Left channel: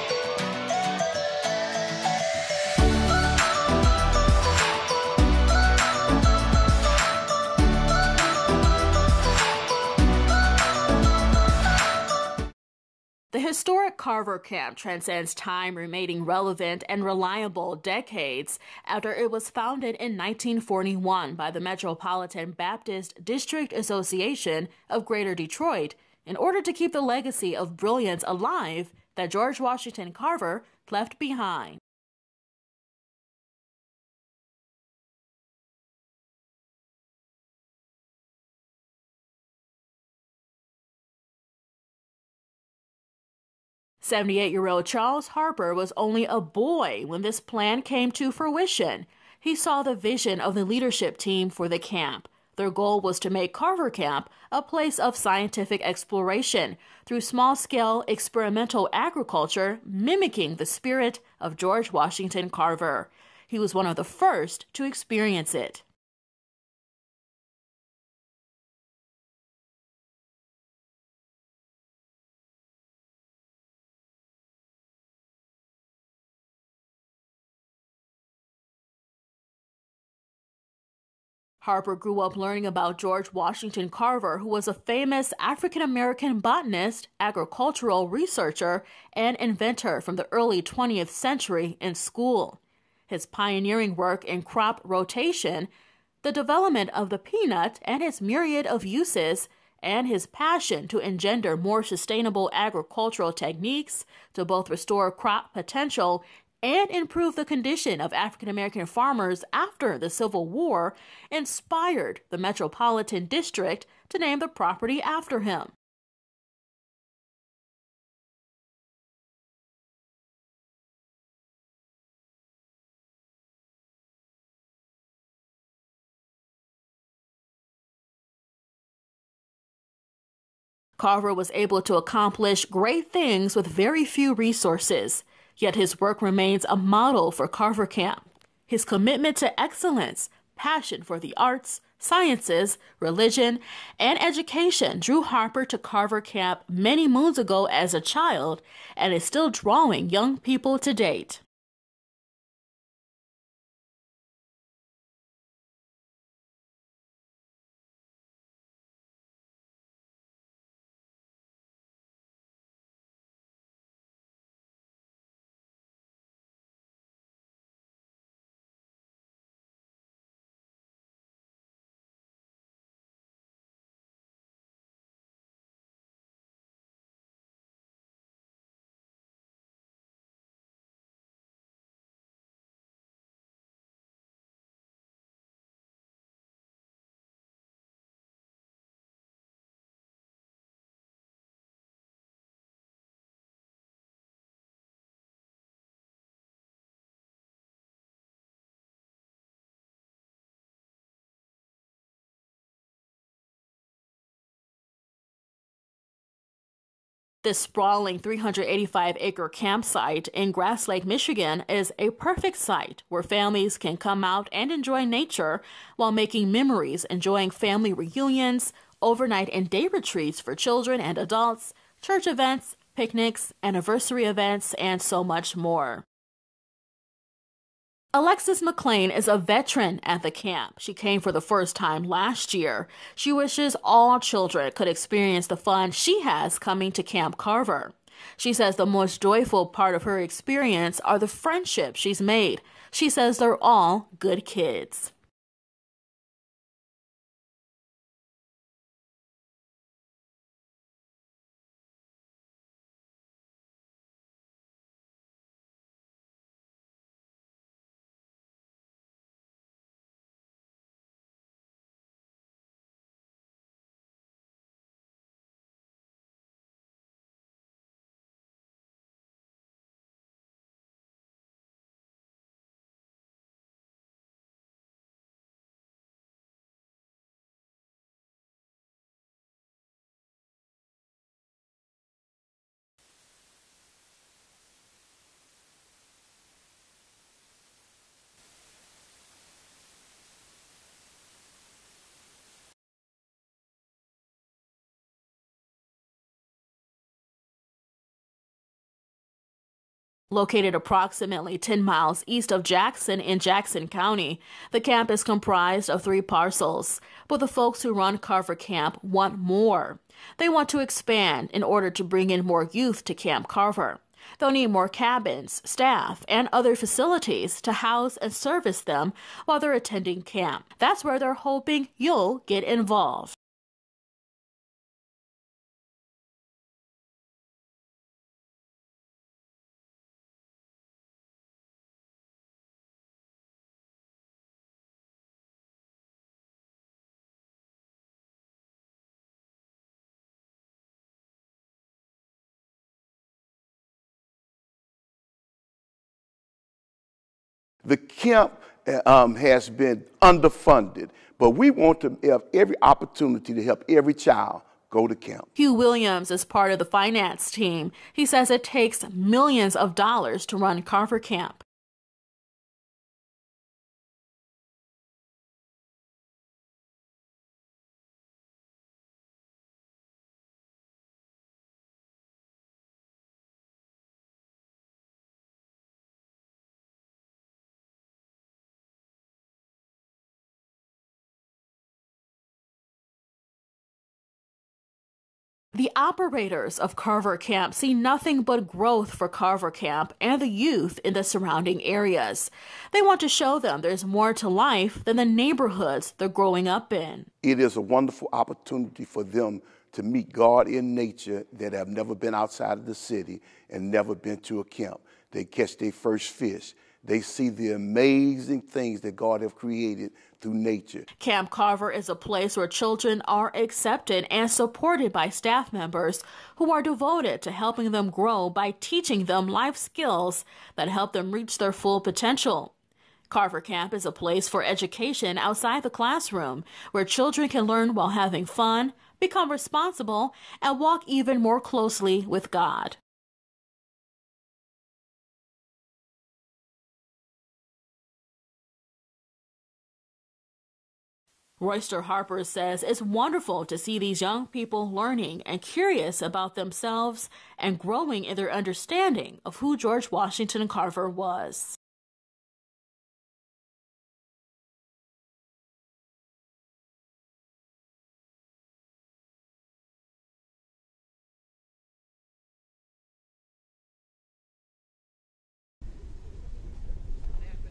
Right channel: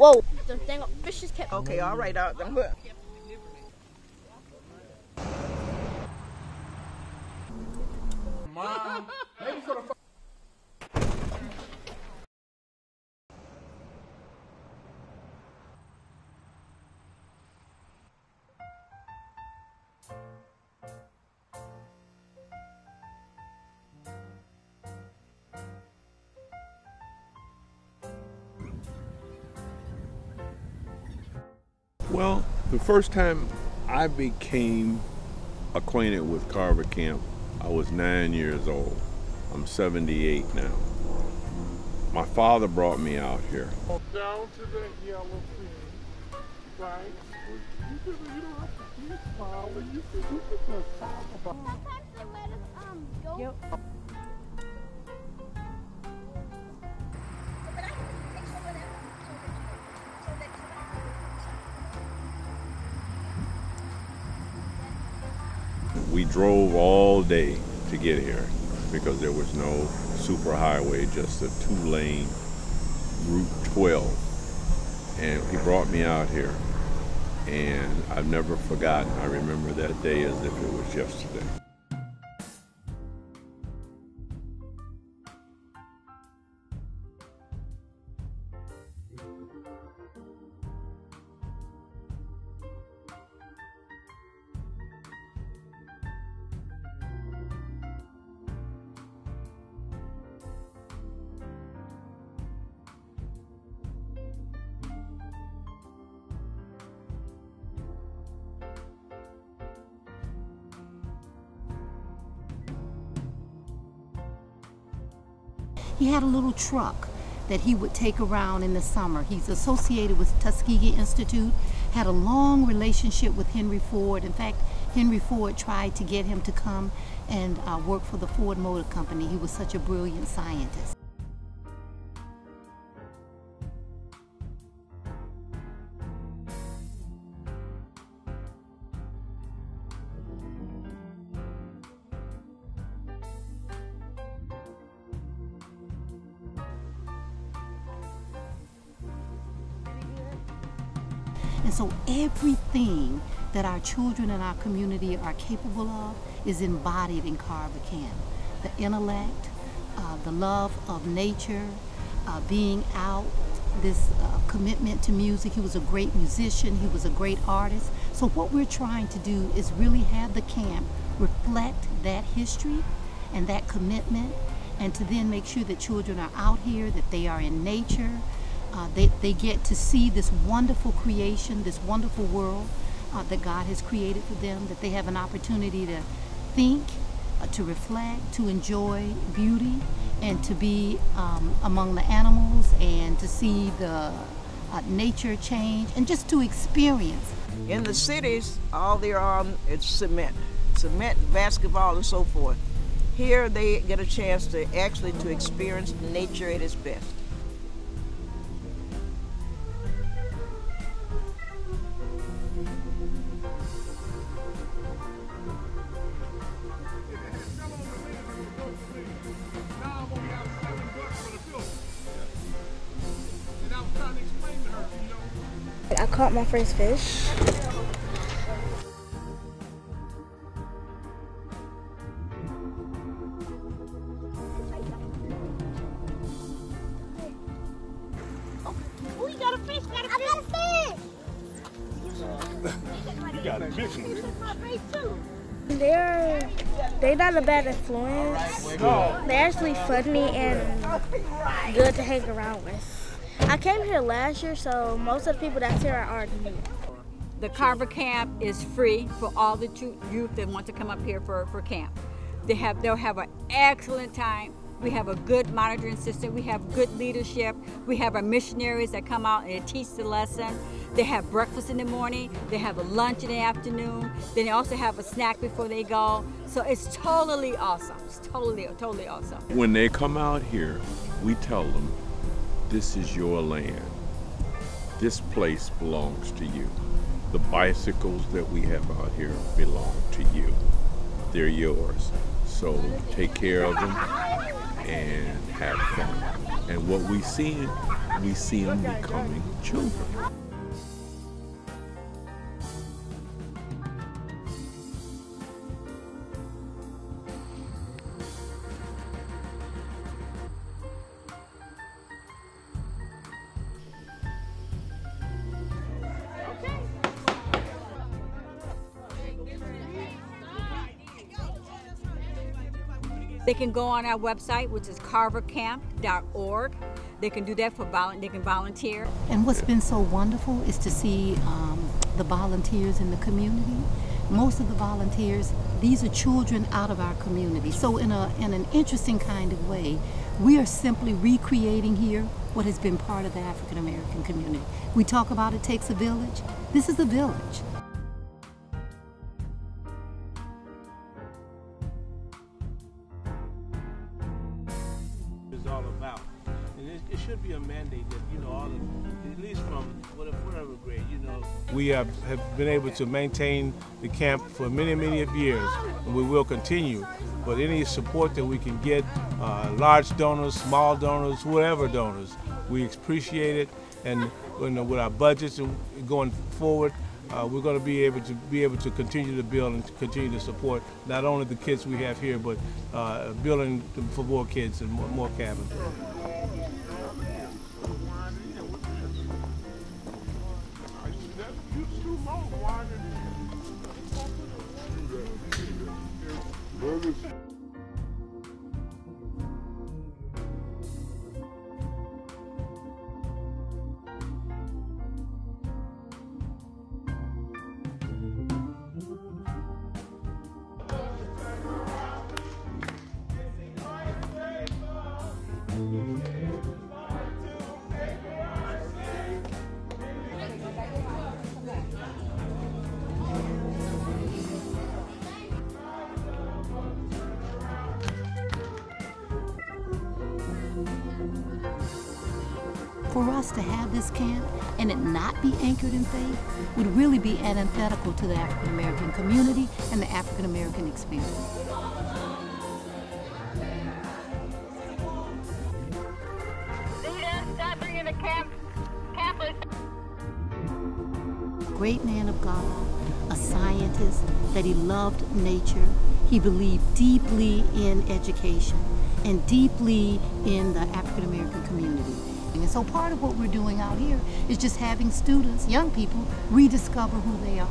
Whoa. Okay, all right, The historic Carver Camp transcends time, remaining relevant and reliable decades after it was founded in 1941 by the Metropolitan Baptist District Association of Greater Detroit in order to keep the legacy of brilliance alive that George Washington Carver left behind. Well, the first time I became acquainted with Carver Camp, I was 9 years old. I'm 78 now. My father brought me out here. 78-year-old Charles Harper was only a boy when this plan came to fruition. He saw the vision of the leadership team for the camp. Their goal was to make Carver Camp a place of scientific exploration through small-scale experimental agriculture mimicking the spirit of George Washington Carver. He was one of the first to experience it. We drove all day to get here because there was no superhighway, just a two-lane Route 12. And he brought me out here, and I've never forgotten. I remember that day as if it was yesterday. Harper grew up learning about George Washington Carver, who was a famous African-American botanist, agricultural researcher, and inventor from the early 20th century in school. His pioneering work in crop rotation, the development of the peanut and its myriad of uses, and his passion to engender more sustainable agricultural techniques to both restore crop potential and improve the condition of African-American farmers after the Civil War inspired the Metropolitan District to name the property after him. He had a little truck that he would take around in the summer. He's associated with Tuskegee Institute, had a long relationship with Henry Ford. In fact, Henry Ford tried to get him to come and work for the Ford Motor Company. He was such a brilliant scientist. Carver was able to accomplish great things with very few resources, yet his work remains a model for Carver Camp. His commitment to excellence, passion for the arts, sciences, religion, and education drew Harper to Carver Camp many moons ago as a child and is still drawing young people to date. And so everything that our children in our community are capable of is embodied in Carver Camp. The intellect, the love of nature, being out, this commitment to music. He was a great musician, he was a great artist. So what we're trying to do is really have the camp reflect that history and that commitment, and to then make sure that children are out here, that they are in nature, they get to see this wonderful creation, this wonderful world that God has created for them, that they have an opportunity to think, to reflect, to enjoy beauty, and to be among the animals and to see the nature change and just to experience. In the cities, all they're on is cement, basketball, and so forth. Here they get a chance to actually experience nature at its best. This sprawling 385-acre campsite in Grass Lake, Michigan is a perfect site where families can come out and enjoy nature while making memories, enjoying family reunions, overnight and day retreats for children and adults, church events, picnics, anniversary events, and so much more. I caught my first fish. Alexis McLean is a veteran at the camp. She came for the first time last year. She wishes all children could experience the fun she has coming to Camp Carver. She says the most joyful part of her experience are the friendships she's made. She says they're all good kids. They're not a bad influence. They're actually funny and good to hang around with. I came here last year, so most of the people that's here are already new. The Carver Camp is free for all the youth that want to come up here for camp. They'll have an excellent time. We have a good monitoring system. We have good leadership. We have our missionaries that come out and teach the lesson. They have breakfast in the morning. They have a lunch in the afternoon. Then they also have a snack before they go. So it's totally awesome. It's totally awesome. When they come out here, we tell them, this is your land. This place belongs to you. The bicycles that we have out here belong to you. They're yours. So take care of them and have fun. And what we see we see them becoming children. Located approximately 10 miles east of Jackson in Jackson County, the camp is comprised of 3 parcels. But the folks who run Carver Camp want more. They want to expand in order to bring in more youth to Camp Carver. They'll need more cabins, staff, and other facilities to house and service them while they're attending camp. That's where they're hoping you'll get involved. They can go on our website, which is carvercamp.org. They can do that they can volunteer. And what's been so wonderful is to see the volunteers in the community. Most of the volunteers, these are children out of our community. So in an interesting kind of way, we are simply recreating here what has been part of the African American community. We talk about it takes a village. This is a village. The camp has been underfunded, but we want to have every opportunity to help every child go to camp. Hugh Williams is part of the finance team. He says it takes millions of dollars to run Carver Camp. We have been able to maintain the camp for many, many years, and we will continue. But any support that we can get, large donors, small donors, whatever donors, we appreciate it. And with our budgets going forward, we're going to be able to continue to build and to continue to support not only the kids we have here, but building for more kids and more cabins. The operators of Carver Camp see nothing but growth for Carver Camp and the youth in the surrounding areas. They want to show them there's more to life than the neighborhoods they're growing up in. It is a wonderful opportunity for them to meet God in nature that have never been outside of the city and never been to a camp. They catch their first fish. They see the amazing things that God has created through nature. Camp Carver is a place where children are accepted and supported by staff members who are devoted to helping them grow by teaching them life skills that help them reach their full potential. Carver Camp is a place for education outside the classroom, where children can learn while having fun, become responsible, and walk even more closely with God. For us to have this camp and it not be anchored in faith would really be antithetical to the African American community and the African American experience. Royster Harper says it's wonderful to see these young people learning and curious about themselves and growing in their understanding of who George Washington Carver was. Great man of God, a scientist, that he loved nature. He believed deeply in education and deeply in the African American community. And so part of what we're doing out here is just having students, young people, rediscover who they are.